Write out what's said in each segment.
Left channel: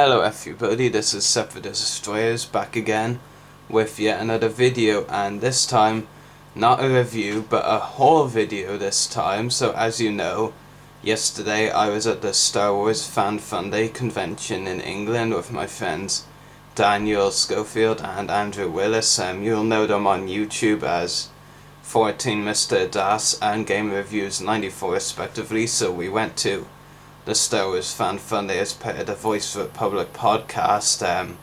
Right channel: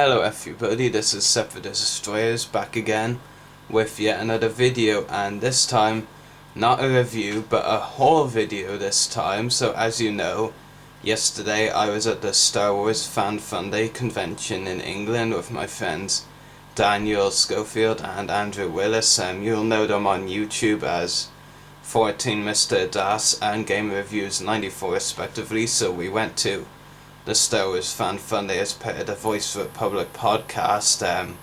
Hello everybody, this is Separate Destroyers back again with yet another video, and this time not a review but a haul video this time. So as you know, yesterday I was at the Star Wars Fan Fun Day convention in England with my friends Daniel Schofield and Andrew Willis. You'll know them on YouTube as 14 Mr. Das and Game Reviews 94 respectively. So we went to the Star Wars Fan Fun Day as part of the Voice for Public podcast,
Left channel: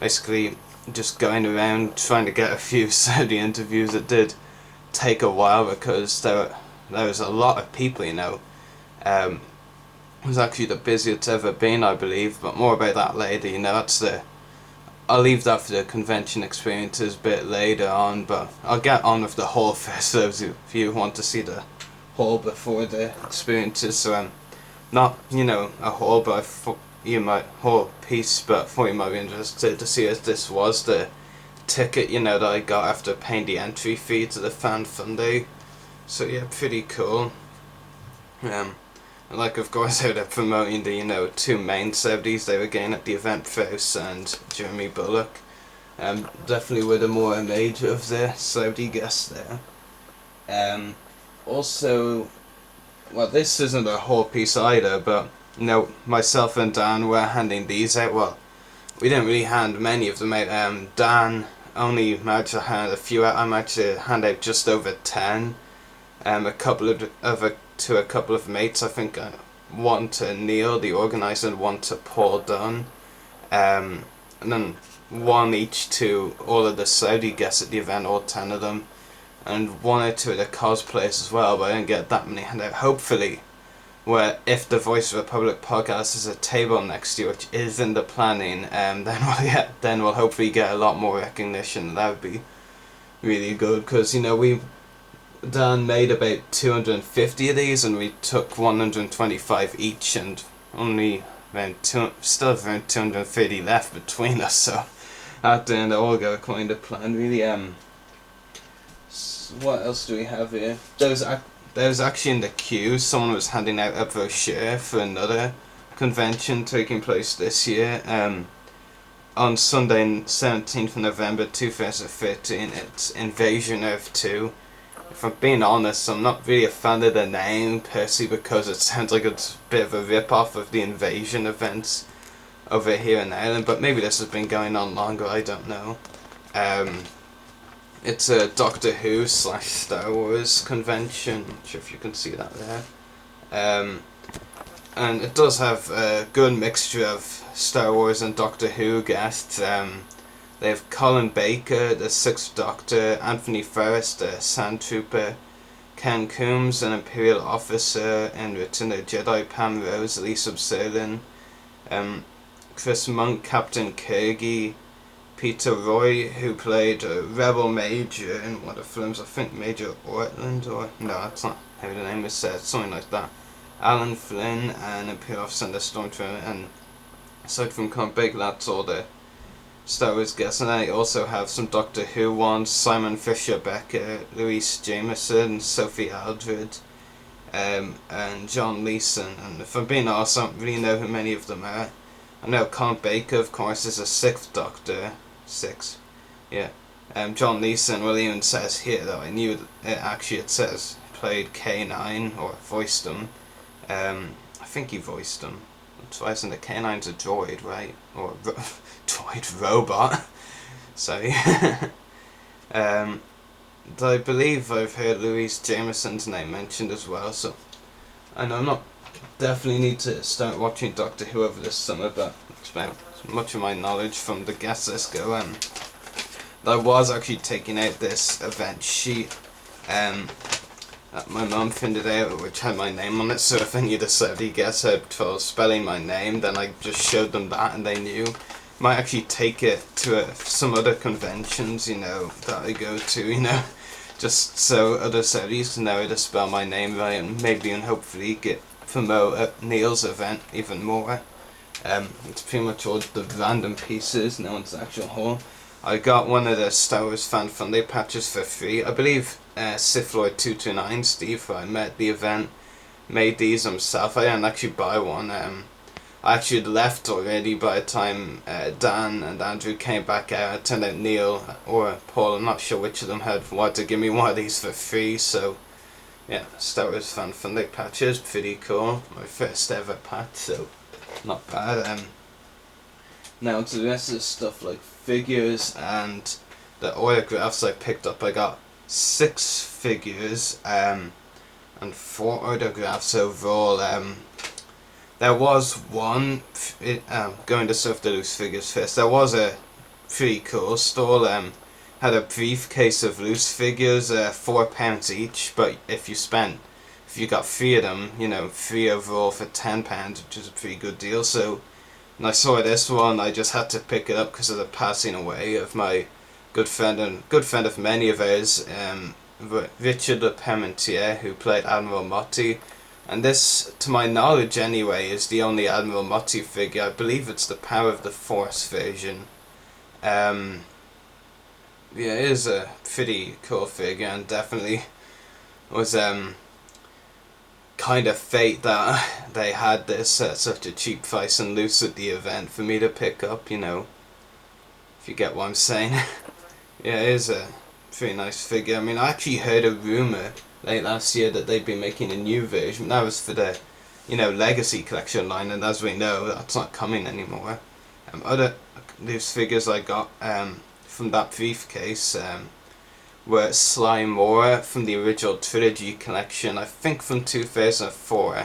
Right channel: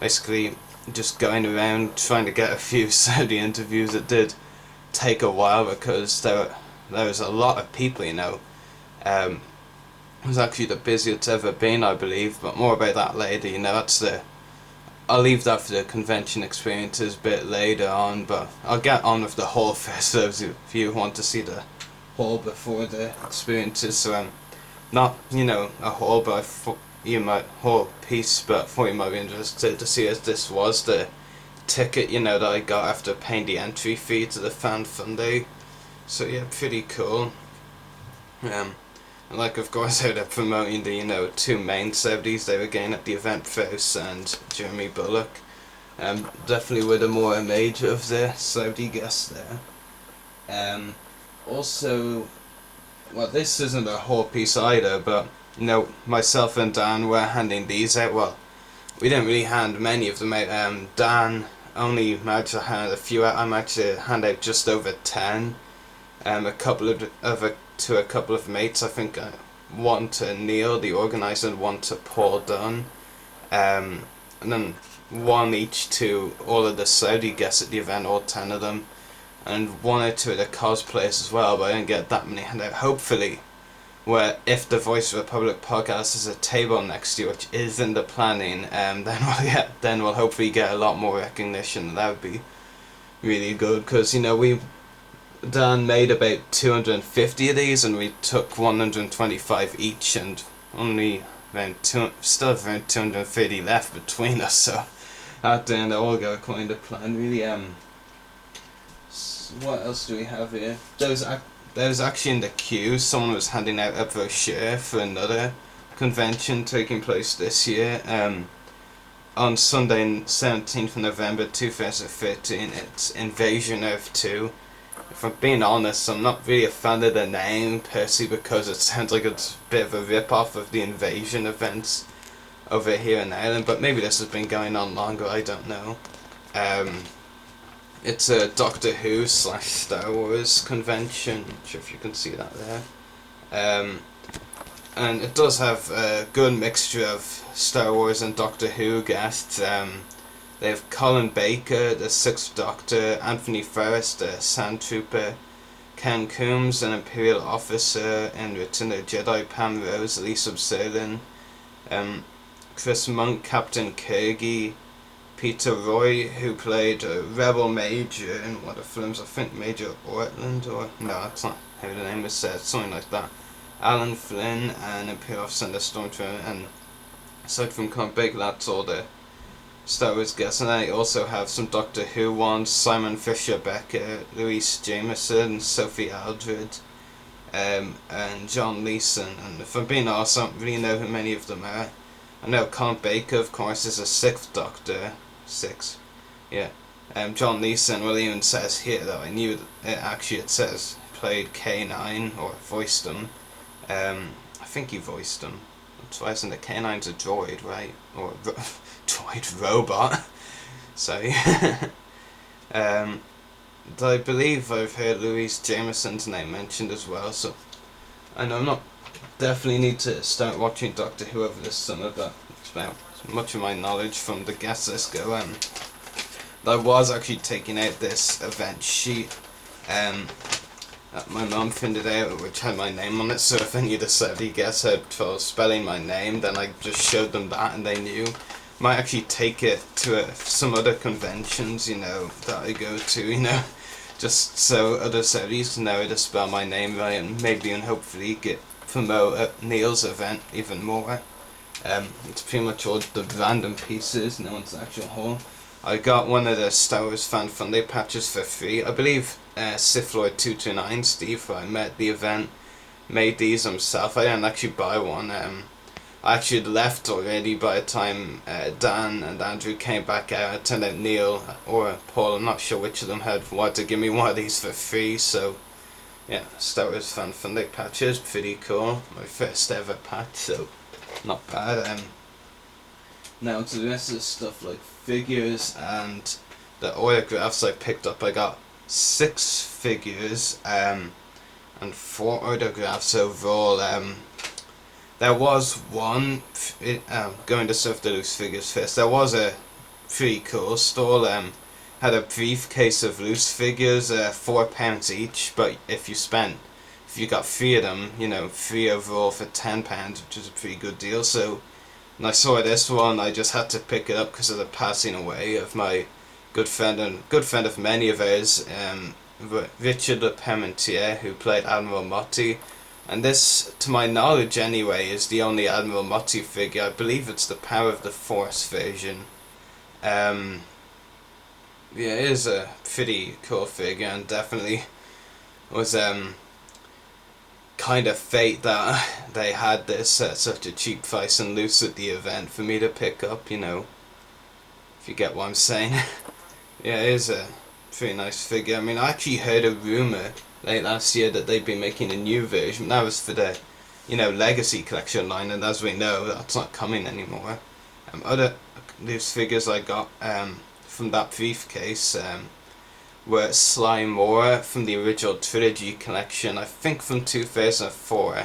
basically just going around trying to get a few Saudi interviews. It did take a while because there was a lot of people, It was actually the busiest it's ever been, I believe, but more about that later. I'll leave that for the convention experiences a bit later on, but I'll get on with the haul first, those of you who want to see the haul before the experiences. So not, a haul, but whole piece, but I thought you might be interested to see as this was the ticket, that I got after paying the entry fee to the Fan Fun Day. So yeah, pretty cool. And of course how they're promoting the, two main celebrities they were getting at the event, Faust and Jeremy Bulloch. Definitely with a more major of the celebrity guests there. Also, well, this isn't a whole piece either, but myself and Dan were handing these out. Well, we didn't really hand many of them out. Dan only managed to hand a few out. I managed to hand out just over 10. A couple to a couple of mates. I think one to Neil, the organizer, and one to Paul Dunn. And then one each to all of the Saudi guests at the event, all 10 of them. And one or two of the cosplayers as well, but I didn't get that many handouts. Hopefully, where if the Voice of the Public podcast is a table next year, which is in the planning, then we'll hopefully get a lot more recognition. That would be really good, because Dan made about 250 of these, and we took 125 each, and only still around 230 left between us. So that didn't all go according to plan, really. What else do we have here? There was actually in the queue, someone was handing out a brochure for another convention taking place this year. On Sunday, 17th November 2013, it's Invasion Earth 2. If I'm being honest, I'm not really a fan of the name, personally, because it sounds like it's a bit of a rip-off of the Invasion events over here in Ireland, but maybe this has been going on longer, I don't know. It's a Doctor Who / Star Wars convention. Not sure if you can see that there. And it does have a good mixture of Star Wars and Doctor Who guests. They have Colin Baker, the Sixth Doctor, Anthony Ferris, the Sand Trooper, Ken Coombs, an Imperial officer, and Return of the Jedi, Pam Rose, Lisa Serlin, Chris Monk, Captain Kirgy, Peter Roy, who played a Rebel Major in one of the films, I think Major Ortland, or no, that's not how the name is said, something like that. Alan Flynn, and Imperial Officer and the Stormtrooper, and aside from Colin Baker, that's all the Star Wars guests. And I also have some Doctor Who ones: Simon Fisher Becker, Louise Jameson, Sophie Aldred, and John Leeson. And if I'm being honest, I don't really know who many of them are. I know Colin Baker, of course, is a Sixth Doctor. John Leeson, well, even says here, though I knew it says played K9 or voiced him. I think he voiced him. That's why isn't the K9's a droid, right? Or droid robot. Sorry. I believe I've heard Louise Jameson's name mentioned as well, so I know I'm not definitely need to start watching Doctor Who over this summer, but it's about much of my knowledge from the guest list go. I was actually taking out this event sheet that my mum printed out, which had my name on it, so if any of the celebrity guests had trouble spelling my name, then I just showed them that and they knew. Might actually take it to some other conventions, that I go to, just so other celebrities know how to spell my name right, and maybe and hopefully promote Neil's event even more. It's pretty much all the random pieces, no one's actual haul. I got one of the Star Wars Fan Fun Day patches for free. I believe Sith Lord 229, Steve, who I met at the event, made these himself. I didn't actually buy one. I actually had left already by the time Dan and Andrew came back out. It turned out Neil or Paul, I'm not sure which of them, had wanted to give me one of these for free, so yeah, Star Wars Fan Fundic patches, pretty cool. My first ever patch, so not bad. Now to the rest of the stuff like figures and the autographs I picked up. I got 6 figures and 4 autographs overall. There was one, going to Surf the Loose figures first, there was a pretty cool stall, had a briefcase of loose figures, £4 each, but if you got 3 of them, 3 overall for £10, which is a pretty good deal. So when I saw this one, I just had to pick it up because of the passing away of my good friend and good friend of many of ours, Richard Parmentier, who played Admiral Motti. And this, to my knowledge anyway, is the only Admiral Motti figure. I believe it's the Power of the Force version. Yeah, it is a pretty cool figure, and definitely was kind of fate that they had this at such a cheap price and loose at the event for me to pick up, if you get what I'm saying. Yeah, it is a pretty nice figure. I mean, I actually heard a rumour late last year that they'd be making a new version. That was for the, Legacy Collection line, and as we know, that's not coming anymore. Other loose figures I got from that briefcase were Sly Moore from the original Trilogy collection, I think from 2004.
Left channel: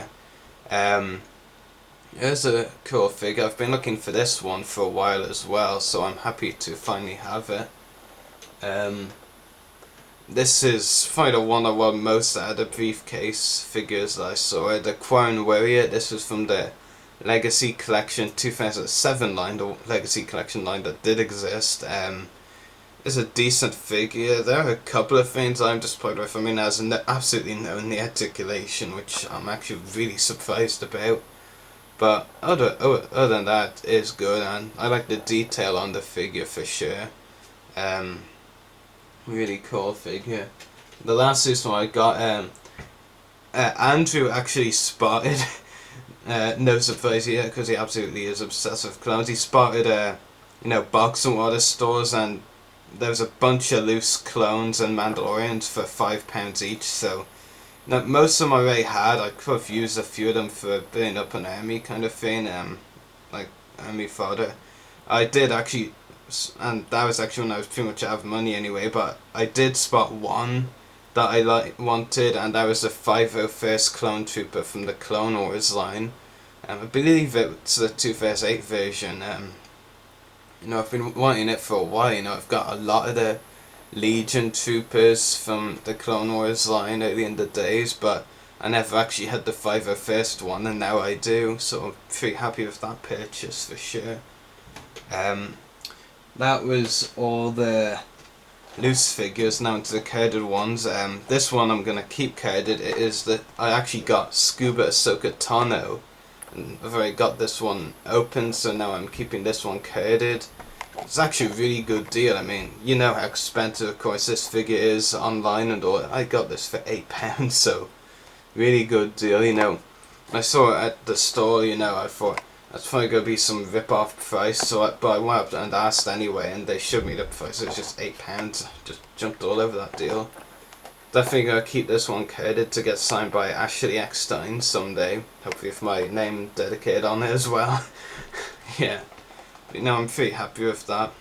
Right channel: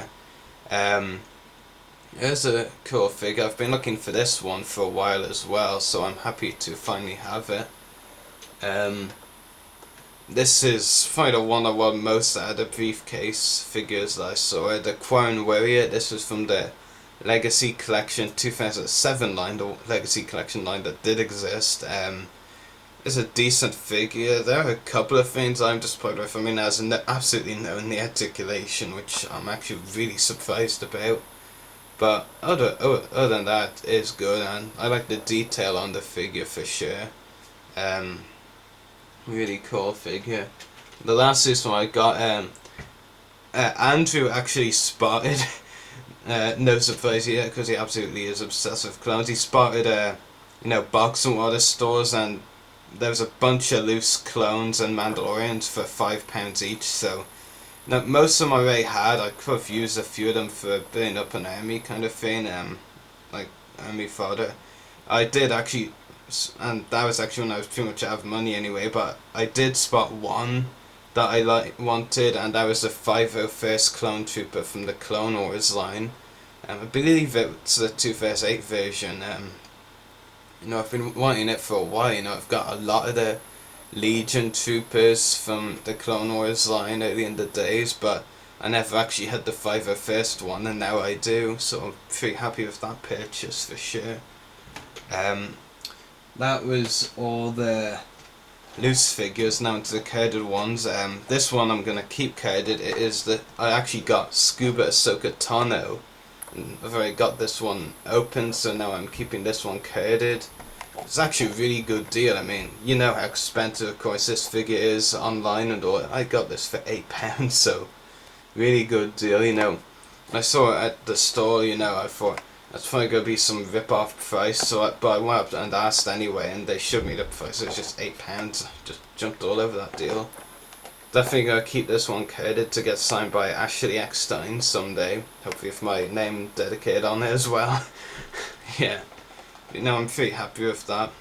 It's a cool figure. I've been looking for this one for a while as well, so I'm happy to finally have it. This is probably the one I want most out of the briefcase figures that I saw. The Crown Warrior, this was from the Legacy Collection 2007 line, the Legacy Collection line that did exist. It's a decent figure. There are a couple of things I'm disappointed with. I mean, there's absolutely no knee articulation, which I'm actually really surprised about. But other than that, it's good, and I like the detail on the figure for sure. Really cool figure. The last one I got, Andrew actually spotted, no surprise here, because he absolutely is obsessed with clones. He spotted, box and water stores, and there was a bunch of loose clones and Mandalorians for £5 each. So now most of them I already had. I could have used a few of them for building up an army kind of thing, like army fodder. I did actually, and that was actually when I was pretty much out of money anyway, but I did spot one that I wanted, and that was the 501st Clone Trooper from the Clone Wars line. I believe it's the 2008 version. I've been wanting it for a while. I've got a lot of the Legion Troopers from the Clone Wars line early in the days, but I never actually had the 501st one, and now I do, so I'm pretty happy with that purchase for sure. That was all the loose figures. Now into the carded ones. This one I'm gonna keep carded. It is that I actually got Scuba Ahsoka Tano, and I've already got this one open, so now I'm keeping this one carded. It's actually a really good deal. I mean, you know how expensive, of course, this figure is online and all. I got this for £8, so really good deal. When I saw it at the store, I thought that's probably gonna be some rip-off price. But I went up and asked anyway, and they showed me the price. It was just £8. I just jumped all over that deal. Definitely gonna keep this one carded to get signed by Ashley Eckstein someday. Hopefully with my name dedicated on it as well. Yeah. But I'm pretty happy with that.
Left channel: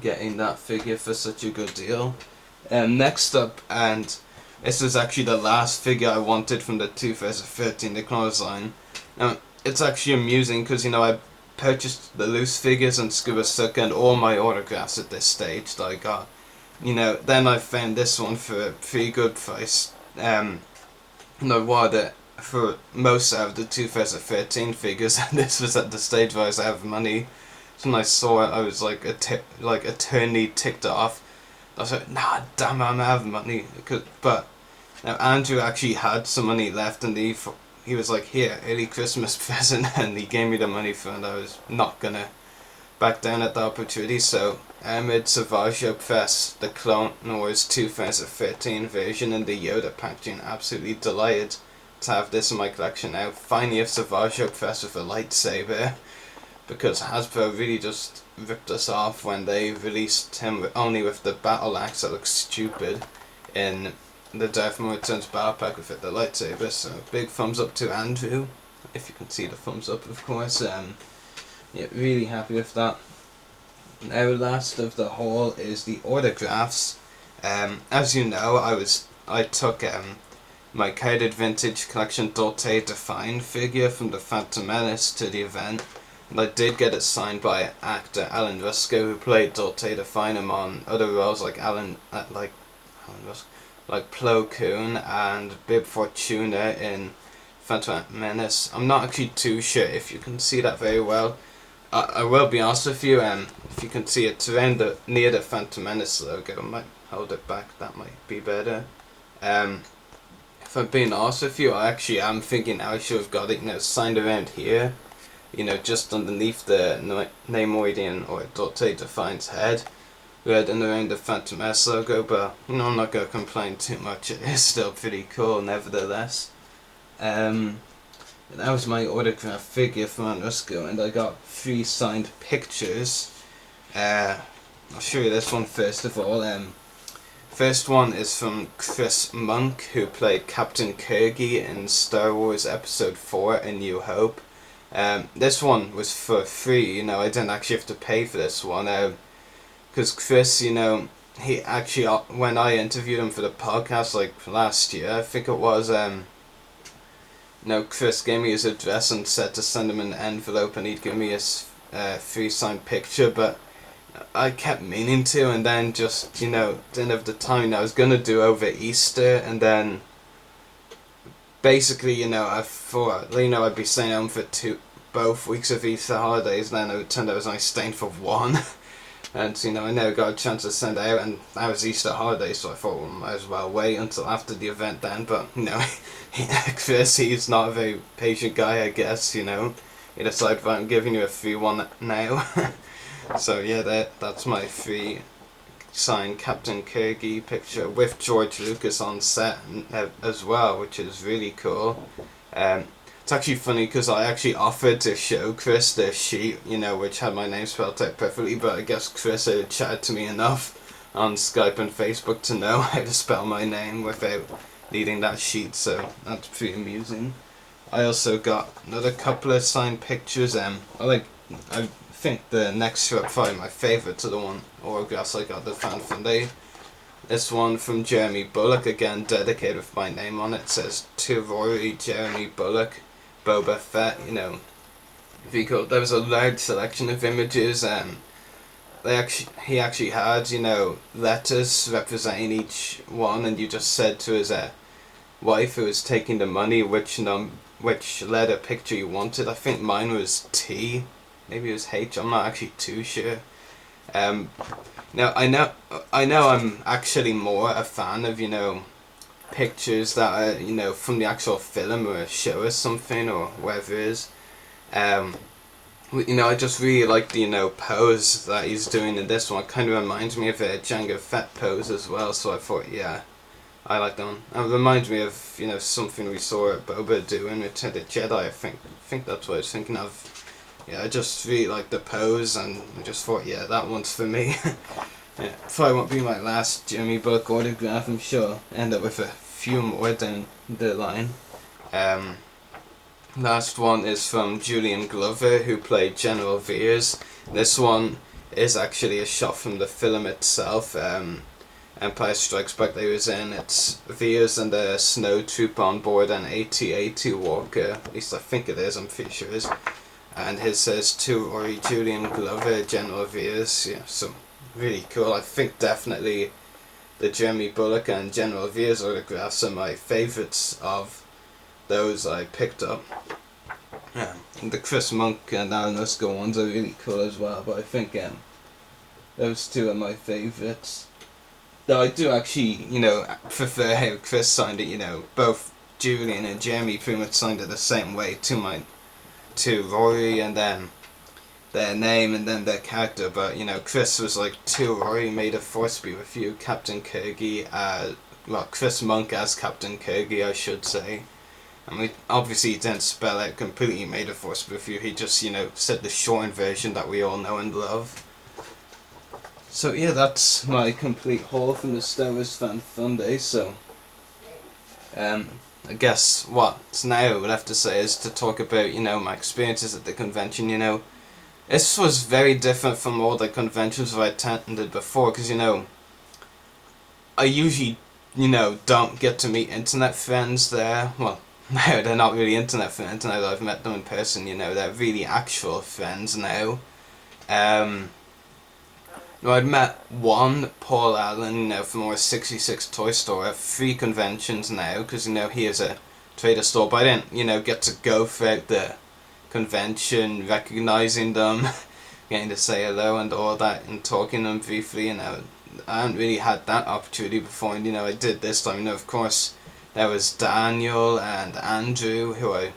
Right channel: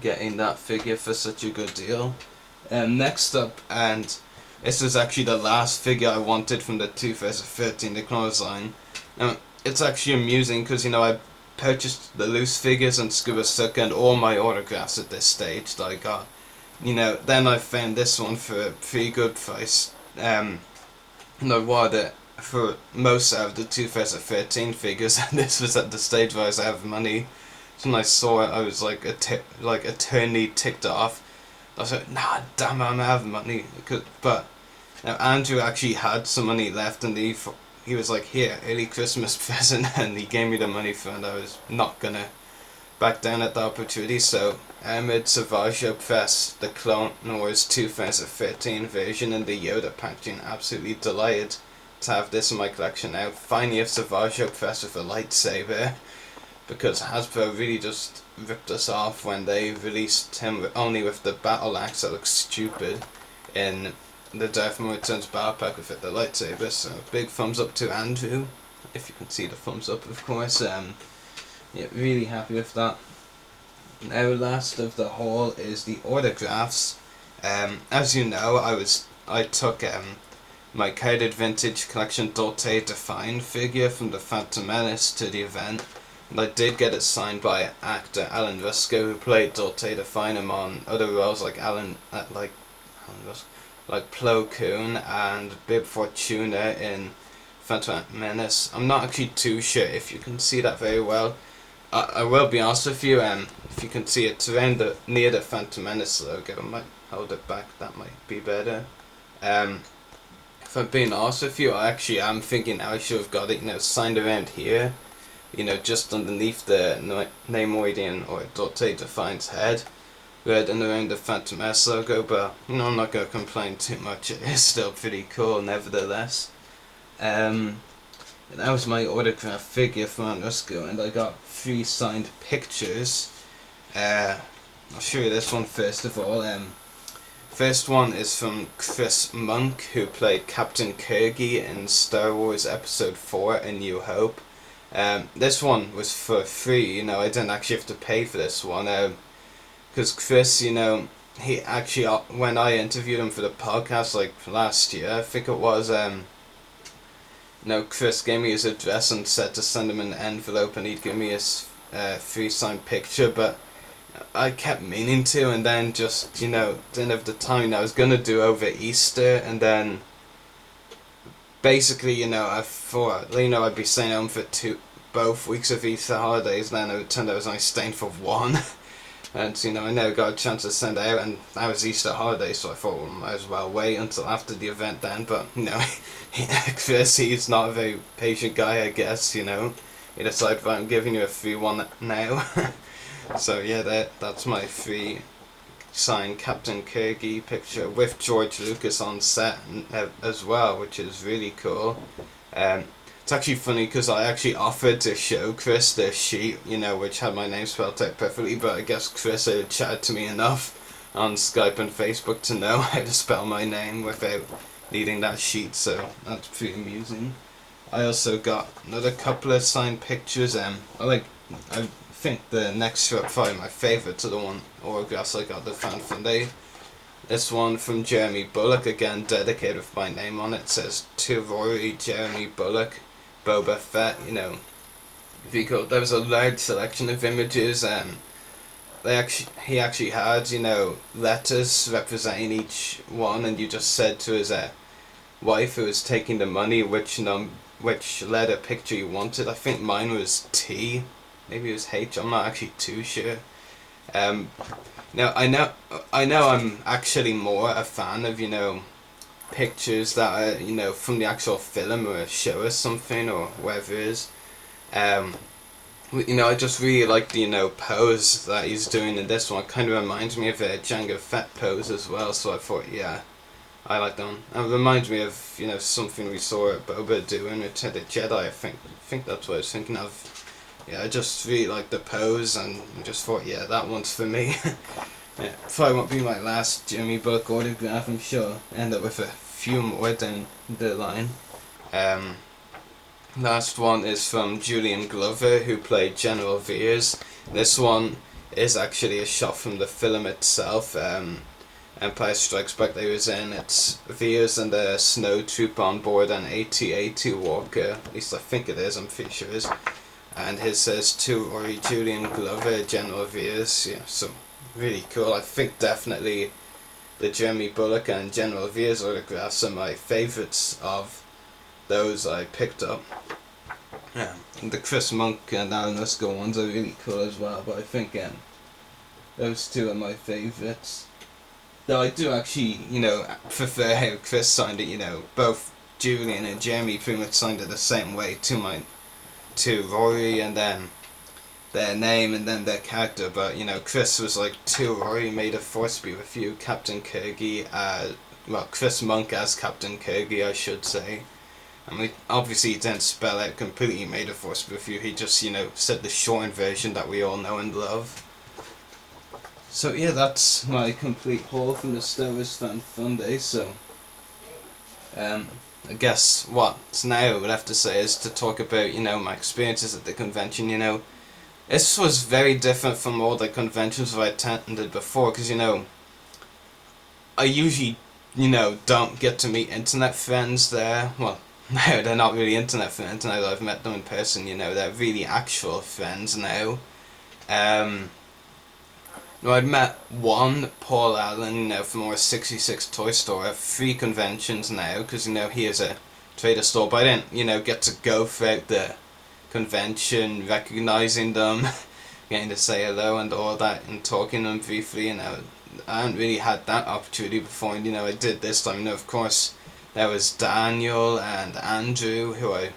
Getting that figure for such a good deal. Next up, and this was actually the last figure I wanted from the 2013 The Clone Wars line. Now, it's actually amusing because, I purchased the loose figures and Scuba Ahsoka and all my autographs at this stage that I got. Then I found this one for a pretty good price. And I wanted it for most out of the 2013 figures, and this was at the stage where I was out of money. So when I saw it, I was like eternally ticked off. I was like, nah, damn it, I'm out of money. But now Andrew actually had some money left, and he was like, here, early Christmas present, and he gave me the money for it, and I was not gonna back down at the opportunity. So Ahmed Savaggio pressed the Clone Wars 2013 version in the Yoda packaging. Absolutely delighted to have this in my collection now. Finally a Savage Press with a lightsaber, because Hasbro really just ripped us off when they released him only with the battle axe that looks stupid in the Darth Maul Returns battle pack with the lightsaber. So big thumbs up to Andrew, if you can see the thumbs up, of course. Yeah, really happy with that. Now, last of the haul is the autographs. As you know, I took my carded vintage collection Dolce Define figure from the Phantom Menace to the event, and I did get it signed by actor Alan Rusko, who played Dolce Define on other roles like Plo Koon and Bib Fortuna in Phantom Menace. I'm not actually too sure if you can see that very well. I will be honest with you, if you can see it around near the Phantom Menace logo, I might hold it back, that might be better. If I'm being honest with you, I actually am thinking I should have got it, signed around here, just underneath the Neimoidian or Dolce Define's head, right and around the Phantom Menace logo, but, I'm not going to complain too much, it is still pretty cool nevertheless. That was my autograph figure from Rusko, and I got 3 signed pictures. I'll show you this one first of all. First one is from Chris Monk, who played Captain Kirgy in Star Wars Episode 4 A New Hope. This one was for free, I didn't actually have to pay for this one. Because Chris, he actually, when I interviewed him for the podcast last year, I think it was, Chris gave me his address and said to send him an envelope and he'd give me his free signed picture, but I kept meaning to, and then just, didn't have the time. I was going to do over Easter, and then basically, I thought, I'd be staying home for both weeks of Easter holidays, and then it turned out I was only staying for one. And, I never got a chance to send it out, and that was Easter holiday, so I thought, well, might as well wait until after the event then, but, Chris, he's not a very patient guy, I guess, He decided, I'm giving you a free one now. So, yeah, that's my free signed Captain Kirgy picture with George Lucas on set as well, which is really cool. It's actually funny because I actually offered to show Chris the sheet, which had my name spelled out perfectly, but I guess Chris had chatted to me enough on Skype and Facebook to know how to spell my name without needing that sheet, so that's pretty amusing. I also got another couple of signed pictures. I think the next two are probably my favourite to the one autographs I got the Fan Funday. This one from Jeremy Bulloch, again dedicated with my name on it. It says, to Rory, Jeremy Bulloch, Boba Fett, Very cool. There was a large selection of images, he actually had, letters representing each one, and you just said to his wife who was taking the money which letter picture you wanted. I think mine was T, maybe it was H, I'm not actually too sure. Now I know I'm actually more a fan of, pictures that are, from the actual film or show us something or whatever it is. I just really like the, pose that he's doing in this one. It kind of reminds me of a Jango Fett pose as well, so I thought, yeah, I like that one. It reminds me of, something we saw Boba do in Return of the Jedi, I think that's what I was thinking of. Yeah, I just really like the pose, and I just thought, yeah, that one's for me. Yeah, probably won't be my last Jeremy Bulloch autograph, I'm sure. End up with a few more down the line. Last one is from Julian Glover, who played General Veers. This one is actually a shot from the film itself. Empire Strikes Back they was in. It's Veers and a snow troop on board an AT-AT Walker. At least I think it is, I'm pretty sure it is. And his says to Rory Julian Glover, General Veers. Yeah, so really cool. I think definitely the Jeremy Bulloch and General Veers autographs are my favourites of those I picked up. Yeah, and the Chris Monk and Alan Rusko ones are really cool as well, but I think those two are my favourites. Though I do actually, prefer how Chris signed it, both Julian and Jeremy pretty much signed it the same way to Rory, and then their name and then their character, but Chris was like, to Rory, may the force be with you, Captain Kirgy, Chris Monk as Captain Kirgy, I should say, I mean, obviously he didn't spell out completely, he made a voice review, he just, said the shortened version that we all know and love. So yeah, that's my complete haul from the Star Wars Fan Fun Day, so I guess what's now left to say is to talk about, my experiences at the convention, This was very different from all the conventions I attended before, because, I usually, don't get to meet internet friends there. Well, no, they're not really internet friends now that I've met them in person, they're really actual friends now. I'd met one, Paul Allen, from our 66 Toy Store at 3 conventions now, because, he is a trader store, but I didn't, get to go throughout the convention, recognizing them, getting to say hello and all that, and talking to them briefly, I haven't really had that opportunity before, and, I did this time, of course, there was Daniel and Andrew, who I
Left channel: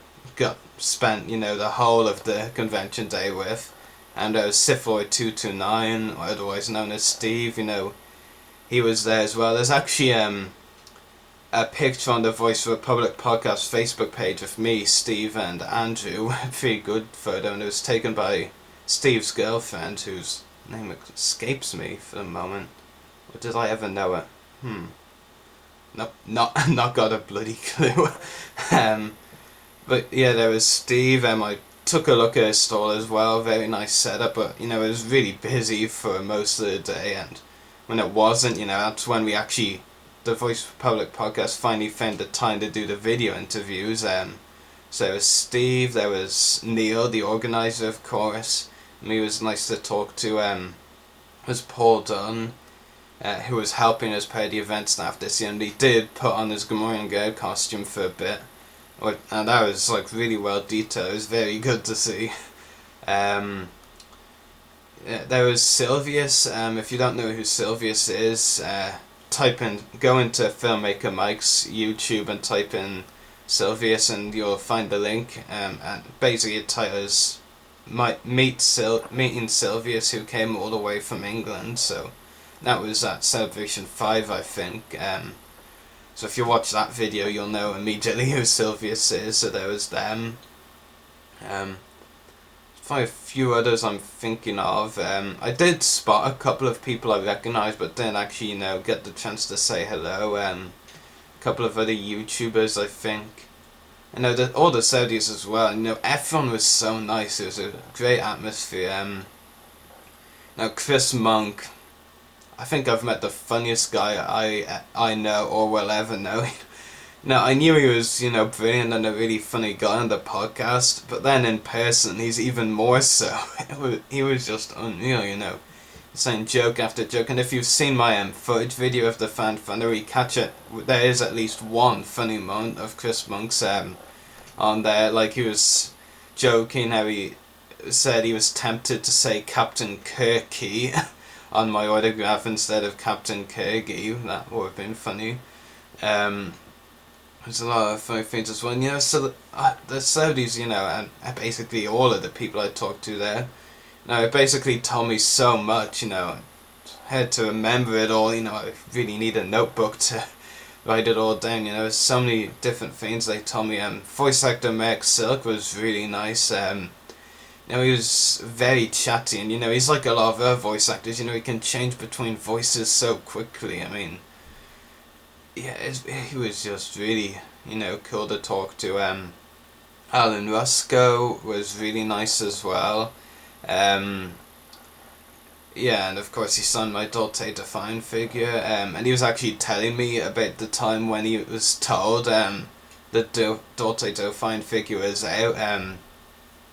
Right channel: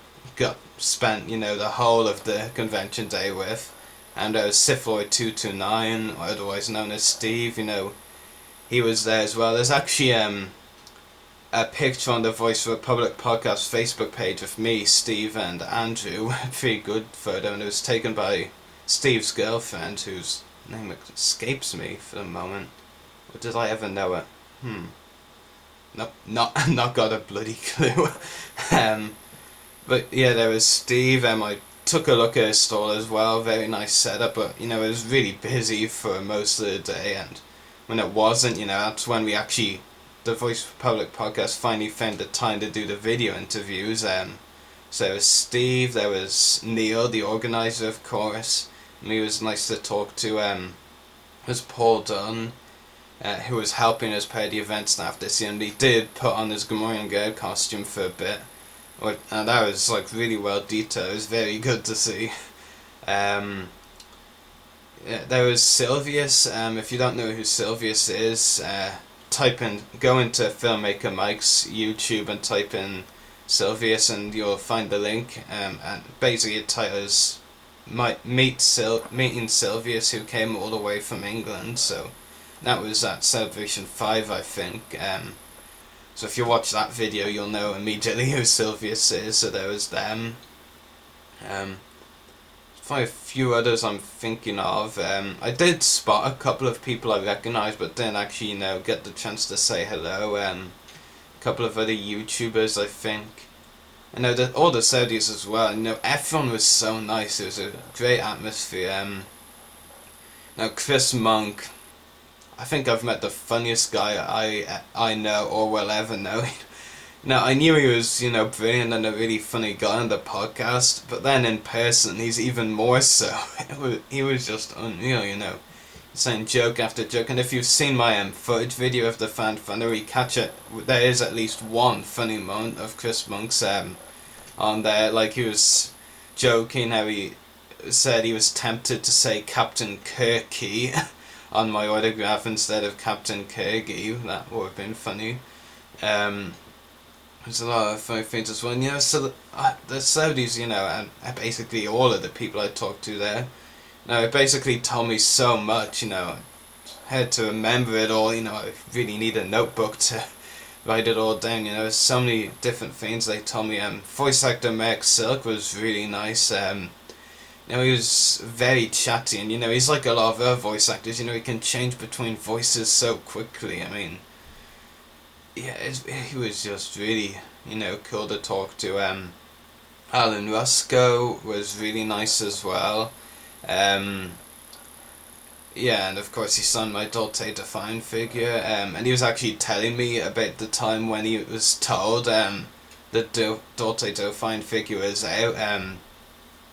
spent, the whole of the convention day with. And there was Sifloid229, otherwise known as Steve, he was there as well. There's actually a picture on the Voice of Republic podcast Facebook page of me, Steve, and Andrew. A pretty good photo, and it was taken by Steve's girlfriend, whose name escapes me for the moment. Or did I ever know it? Nope, not got a bloody clue. But yeah, there was Steve, I took a look at his stall as well, very nice setup, but it was really busy for most of the day, and when it wasn't, that's when we actually, the Voice of Public podcast finally found the time to do the video interviews. So there was Steve, there was Neil, the organizer, of course, and he was nice to talk to. Was Paul Dunn, who was helping us pay the event staff this year, and he did put on his Gamorrean Guard costume for a bit. And that was really well detailed. It was very good to see. Yeah, there was Sylvius. If you don't know who Sylvius is, go into Filmmaker Mike's YouTube and type in Sylvius, and you'll find the link. And basically, the title is Meeting Sylvius, who came all the way from England. So that was at Celebration 5, I think. So if you watch that video, you'll know immediately who Sylvius is. So there was them. Probably a few others I'm thinking of. I did spot a couple of people I recognised, but didn't actually, get the chance to say hello. A couple of other YouTubers, I think. I know that all the Saudis as well. Everyone was so nice. It was a great atmosphere. Now Chris Monk, I think I've met the funniest guy I know or will ever know. Now, I knew he was, brilliant and a really funny guy on the podcast, but then in person, he's even more so. He was just unreal, saying joke after joke, and if you've seen my footage video of the Fan Fun, where you catch it, there is at least one funny moment of Chris Monk's on there, like he was joking how he said he was tempted to say Captain Kirky on my autograph instead of Captain Kirgy. That would have been funny. There's a lot of funny things as well. So the Saudis, and basically all of the people I talked to there, it basically told me so much, I had to remember it all, I really need a notebook to write it all down, there's so many different things they told me. Voice actor Mark Silk was really nice. He was very chatty, and he's like a lot of other voice actors, he can change between voices so quickly. I mean, yeah, he was just really, cool to talk to. Alan Rusko was really nice as well. Yeah, and of course he signed my Dolce Define figure, and he was actually telling me about the time when he was told the Dolce Define figure was out.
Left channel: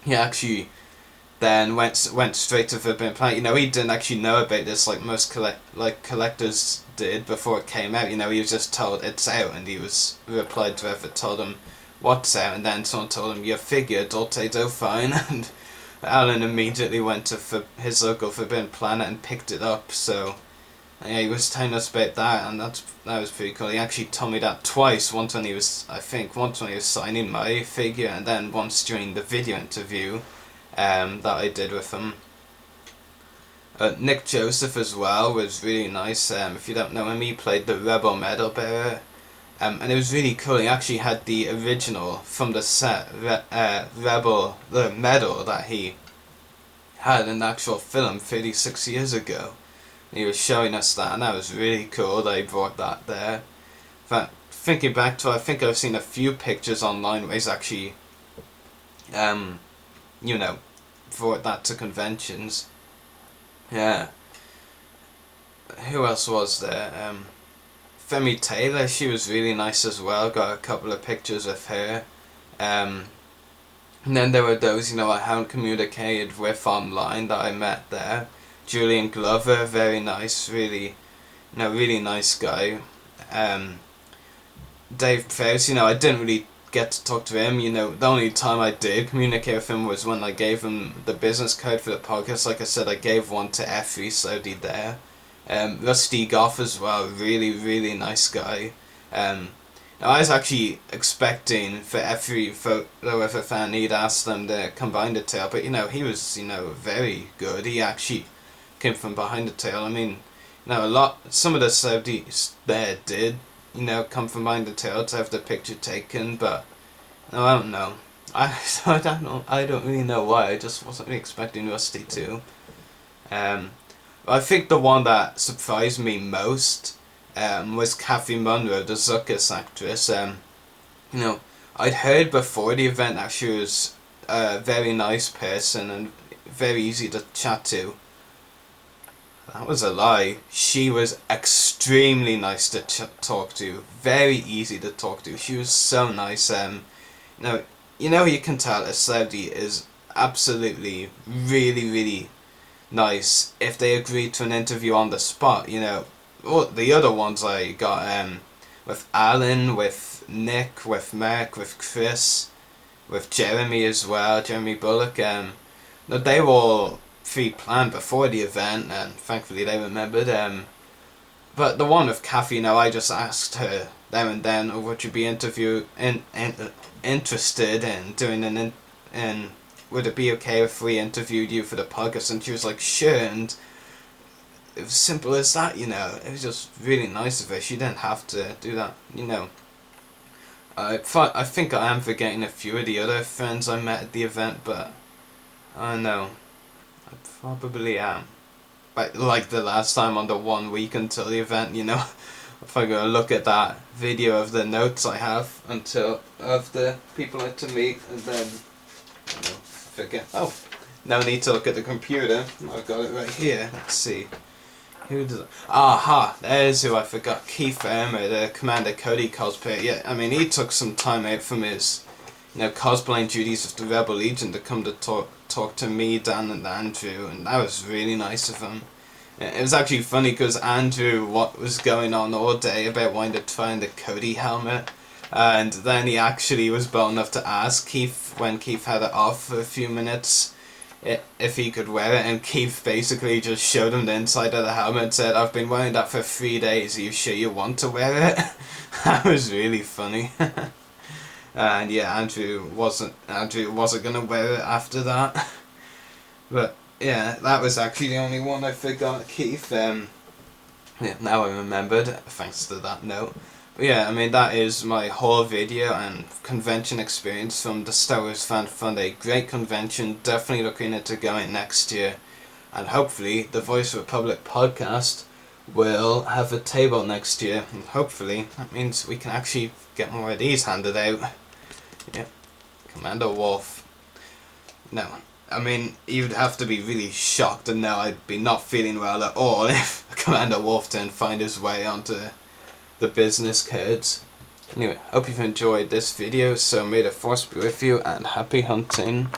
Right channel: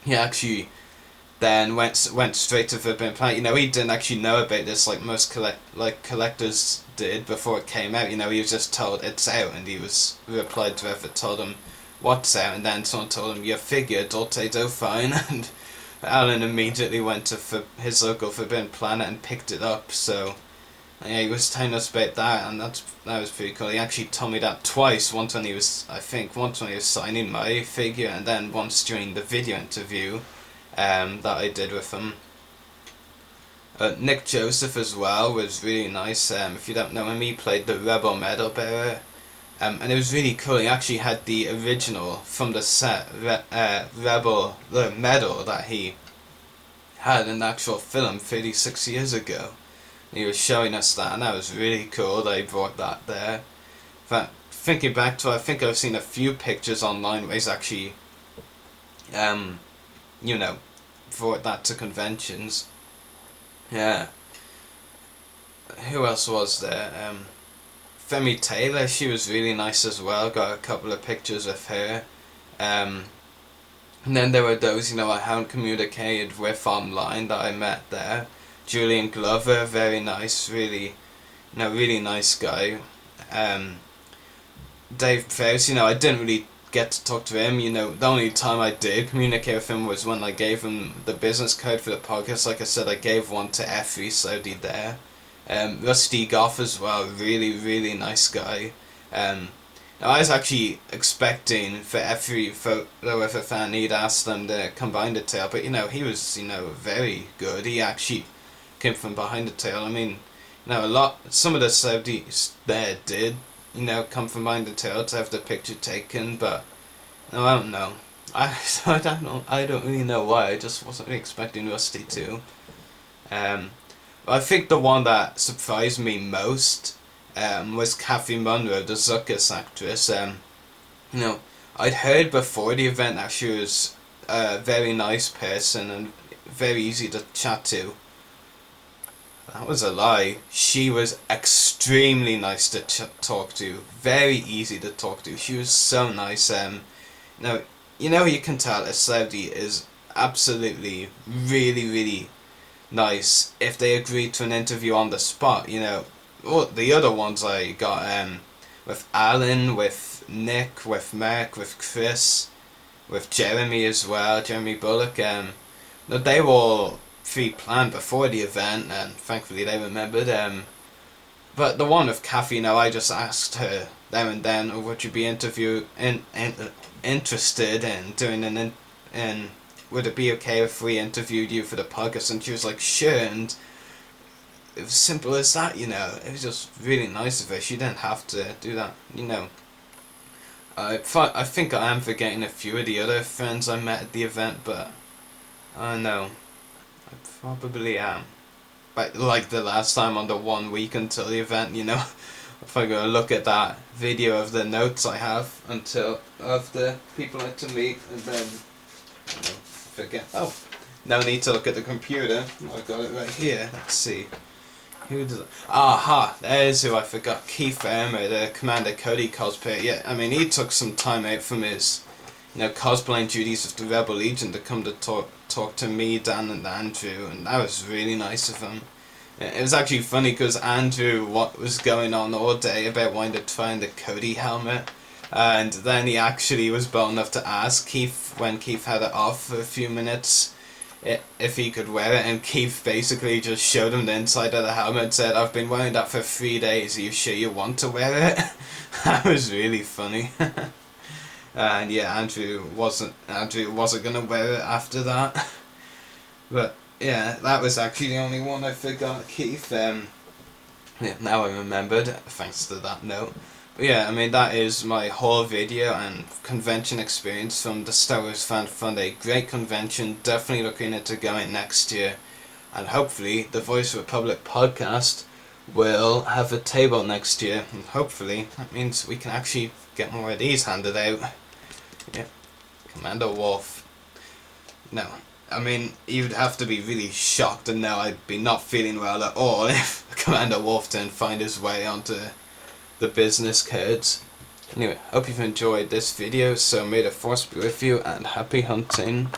He actually then went straight to Forbidden Planet. He didn't actually know about this like most collectors did before it came out. He was just told it's out, and he replied to whoever told him what's out, and then someone told him your figure Dolce Define, and Alan immediately went to his local Forbidden Planet and picked it up. So yeah, he was telling us about that, and that was pretty cool. He actually told me that twice. Once when he was signing my figure, and then once during the video interview that I did with him. Nick Joseph as well was really nice. If you don't know him, he played the Rebel Medal bearer And it was really cool. He actually had the original from the set, Rebel, the medal that he had in the actual film 36 years ago. And he was showing us that, and that was really cool that he brought that there. But thinking back to it, I think I've seen a few pictures online where he's actually, you know, brought that to conventions. Yeah. Who else was there? Femi Taylor, she was really nice as well. Got a couple of pictures of her. And then there were those, I haven't communicated with online that I met there. Julian Glover, very nice, really, really nice guy. Dave Prowse, I didn't really get to talk to him. The only time I did communicate with him was when I gave him the business card for the podcast. Like I said, I gave one to Effie Saudi there. Rusty Goff as well, really, really nice guy. Now I was actually expecting for every photo of a fan he'd ask them to come behind the tail, but he was, very good. He actually came from behind the tail. I mean, some of the Saudis there did, come from behind the tail to have the picture taken, but no, I don't know. I don't really know why. I just wasn't really expecting Rusty to. I think the one that surprised me most was Kathy Munro, the Zuckus actress. I'd heard before the event that she was a very nice person and very easy to chat to. That was a lie. She was extremely nice to talk to, very easy to talk to. She was so nice. You can tell a Saudi is absolutely really, really nice if they agree to an interview on the spot. Well, the other ones I got with Alan, with Nick, with Mark, with Chris, with Jeremy as well, Jeremy Bullock. They were all pre-planned before the event, and thankfully they remembered. But the one with Kathy, I just asked her there and then, or would you be interested in doing would it be okay if we interviewed you for the podcast? And she was like, sure. And it was simple as that, It was just really nice of her. She didn't have to do that, I think I am forgetting a few of the other friends I met at the event, but I don't know. I probably am. But like the last time on the 1 week until the event, if I go look at that video of the notes I have of the people I had to meet, and then forget. Oh, no need to look at the computer. I've got it right here. Let's see. Who does? Aha! There's who I forgot. Keith Ermer, the Commander Cody cosplayer. Yeah, I mean he took some time out from his, cosplaying duties of the Rebel Legion to come to talk to me, Dan, and Andrew, and that was really nice of him. It was actually funny because Andrew, what was going on all day about wanting to try the Cody helmet. And then he actually was bold enough to ask Keith, when Keith had it off for a few minutes, if he could wear it. And Keith basically just showed him the inside of the helmet and said, I've been wearing that for 3 days, are you sure you want to wear it? That was really funny. And yeah, Andrew wasn't going to wear it after that. But yeah, that was actually the only one I forgot, Keith. Yeah, now I remembered, thanks to that note. But yeah, I mean, that is my whole video and convention experience from the Star Wars Fan Fund. A great convention, definitely looking into going next year. And hopefully, the Voice of Republic podcast will have a table next year. And hopefully, that means we can actually get more of these handed out. Yeah, Commander Wolf. No, I mean, you'd have to be really shocked and know I'd be not feeling well at all if Commander Wolf didn't find his way onto the business cards. Anyway, hope you've enjoyed this video, so may the force be with you and happy hunting.